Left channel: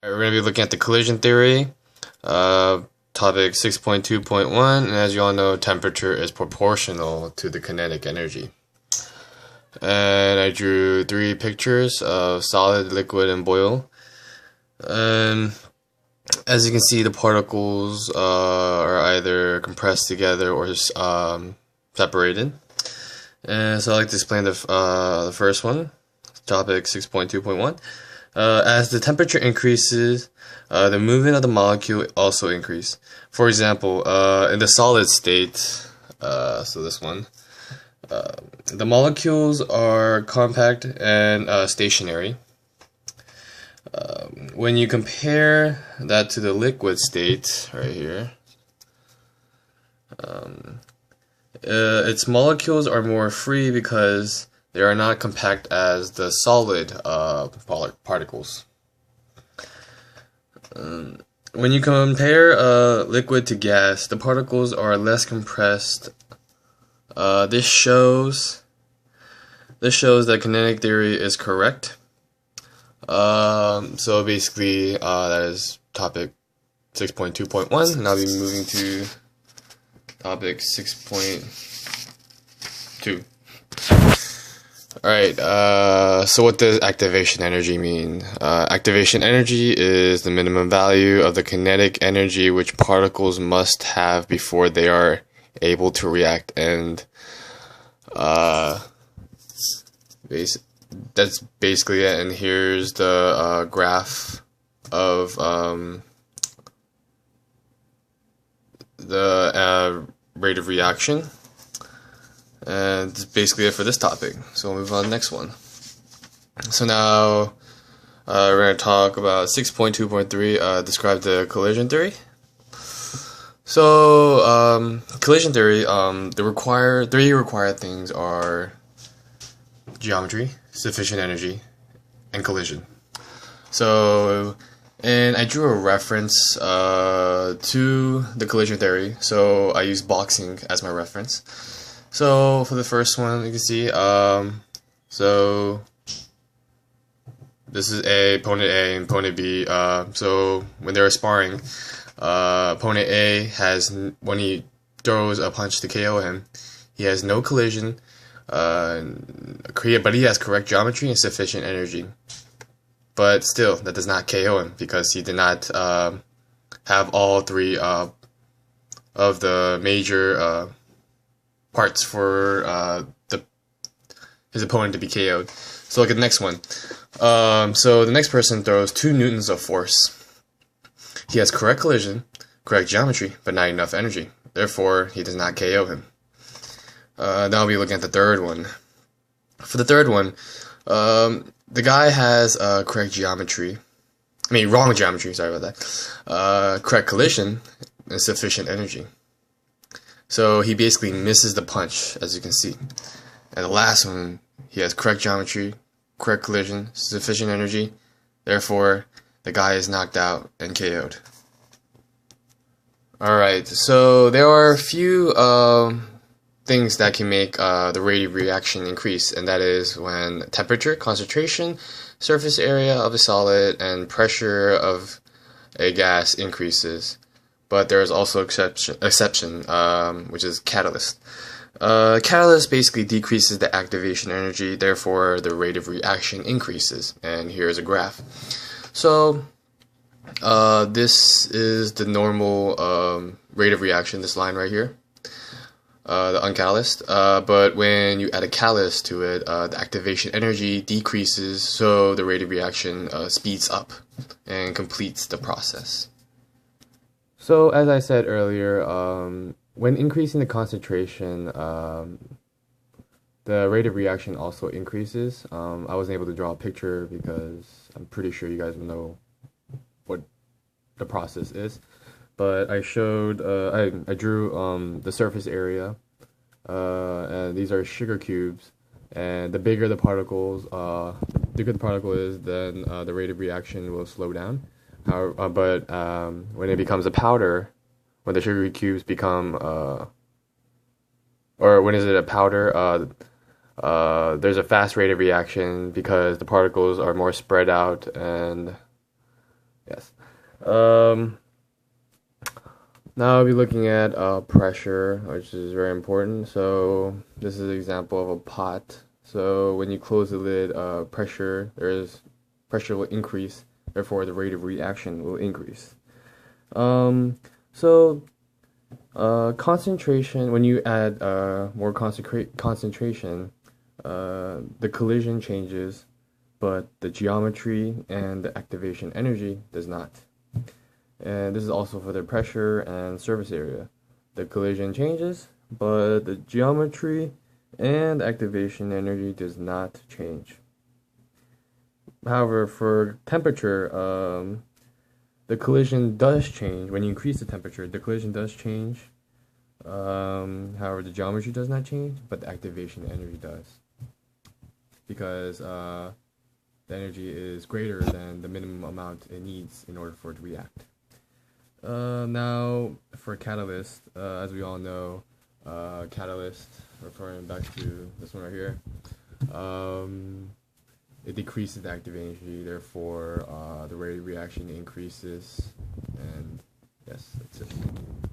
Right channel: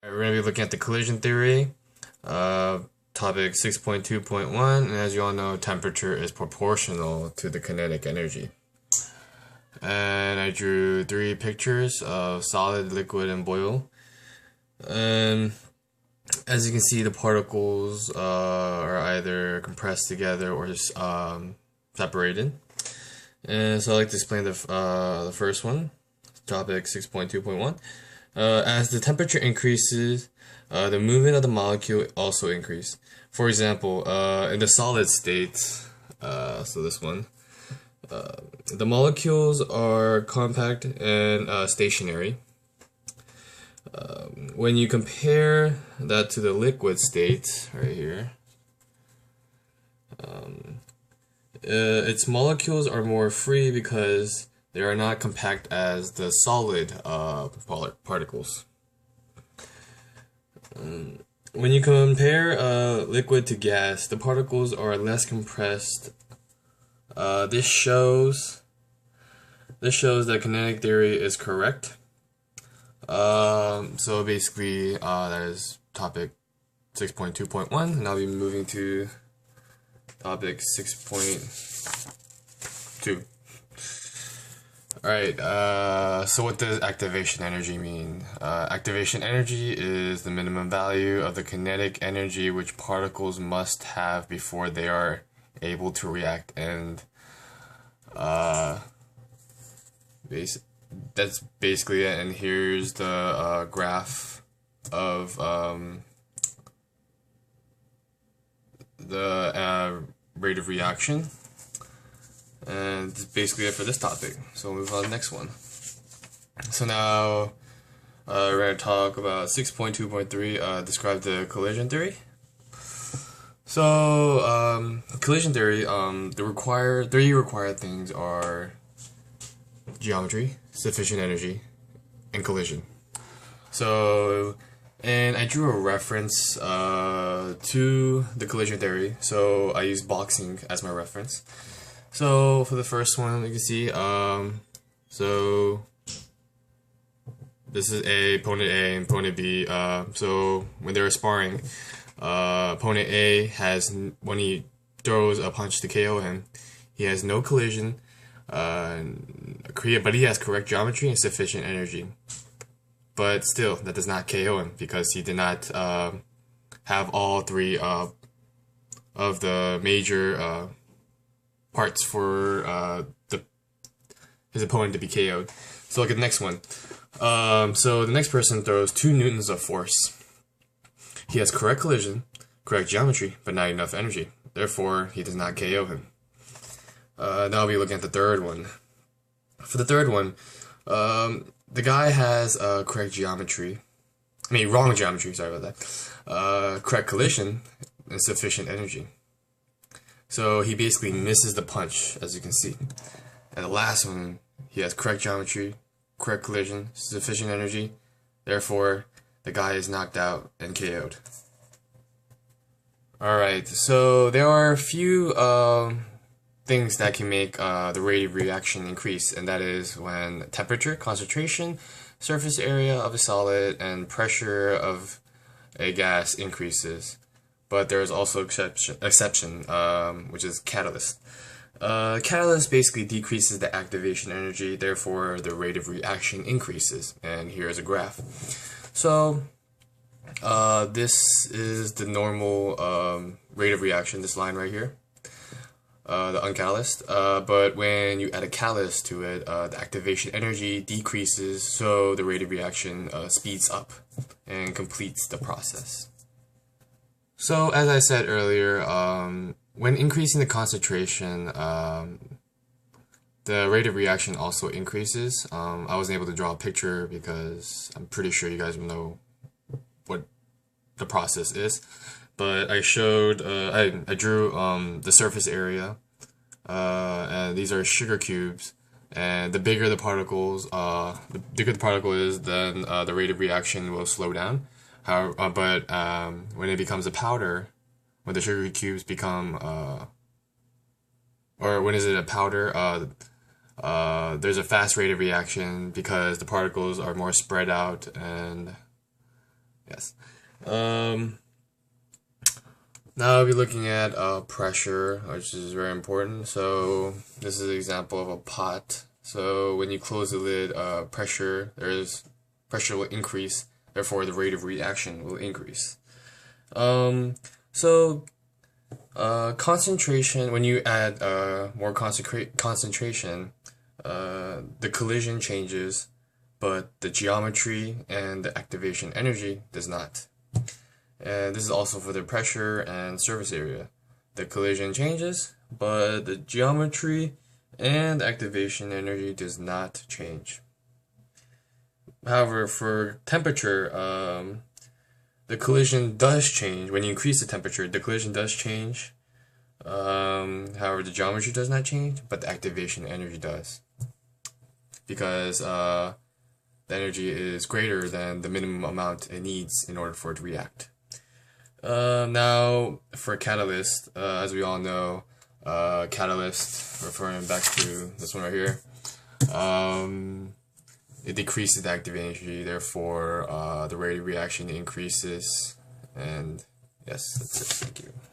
We're going to be looking at the collision theory, uh, topic 6.2.1, and as you all know, temperature is proportional to the kinetic energy. And I drew three pictures of solid, liquid, and boil. And as you can see, the particles are either compressed together or separated. And so I'd like to explain the first one, topic 6.2.1. As the temperature increases, the movement of the molecule also increases. For example, in the solid state, so this one, the molecules are compact and stationary. When you compare that to the liquid state, right here, its molecules are more free because they are not compact as the solid particles. When you compare liquid to gas, the particles are less compressed. This shows that kinetic theory is correct. So basically, that is topic 6.2.1, and I'll be moving to topic 6.2. Alright, so what does activation energy mean? Activation energy is the minimum value of the kinetic energy which particles must have before they are able to react, and that's basically it. And here's the graph of the rate of reaction. And that's basically it for this topic. So we'll move on to the next one. So now we're going to talk about 6.2.3, describe the collision theory. So collision theory, the three required things are geometry, sufficient energy, and collision. So, and I drew a reference to the collision theory, so I used boxing as my reference. So for the first one, you can see, so this is opponent A and opponent B. So when they're sparring, opponent A has, when he throws a punch to KO him, he has no collision, but he has correct geometry and sufficient energy. But still, that does not KO him because he did not have all three of the major parts for his opponent to be KO'd. So look at the next one. So the next person throws 2 newtons of force. He has correct collision, correct geometry, but not enough energy. Therefore, he does not KO him. Now I'll be looking at the third one. For the third one, the guy has correct geometry. Wrong geometry, sorry about that. Correct collision and sufficient energy. So he basically misses the punch, as you can see. And the last one, he has correct geometry, correct collision, sufficient energy. Therefore, the guy is knocked out and KO'd. Alright, so there are a few things that can make the rate of reaction increase, and that is when temperature, concentration, surface area of a solid, and pressure of a gas increases. But there is also exception, which is catalyst. Catalyst basically decreases the activation energy, therefore the rate of reaction increases. And here's a graph. So this is the normal rate of reaction, this line right here, the uncatalyst. But when you add a catalyst to it, the activation energy decreases, so the rate of reaction speeds up and completes the process. So, as I said earlier, when increasing the concentration, the rate of reaction also increases. I wasn't able to draw a picture because I'm pretty sure you guys will know what the process is. But I showed, I drew the surface area, and these are sugar cubes. And the bigger the particles, the bigger the particle is, then the rate of reaction will slow down. But when it becomes a powder, when the sugar cubes become, or when is it a powder, there's a fast rate of reaction because the particles are more spread out, and Yes. Um, Now I'll be looking at pressure, which is very important. So this is an example of a pot. So when you close the lid, pressure will increase. Therefore, the rate of reaction will increase. Um, so concentration. When you add more concentration, the collision changes, but the geometry and the activation energy does not. And this is also for the pressure and surface area. The collision changes, but the geometry and activation energy does not change. However, for temperature, the collision does change. When you increase the temperature, the collision does change. However, the geometry does not change, but the activation energy does. Because the energy is greater than the minimum amount it needs in order for it to react. Now, for catalyst, as we all know, catalyst, referring back to this one right here, it decreases the active energy, therefore, the rate of reaction increases, and yes, that's it. Thank you.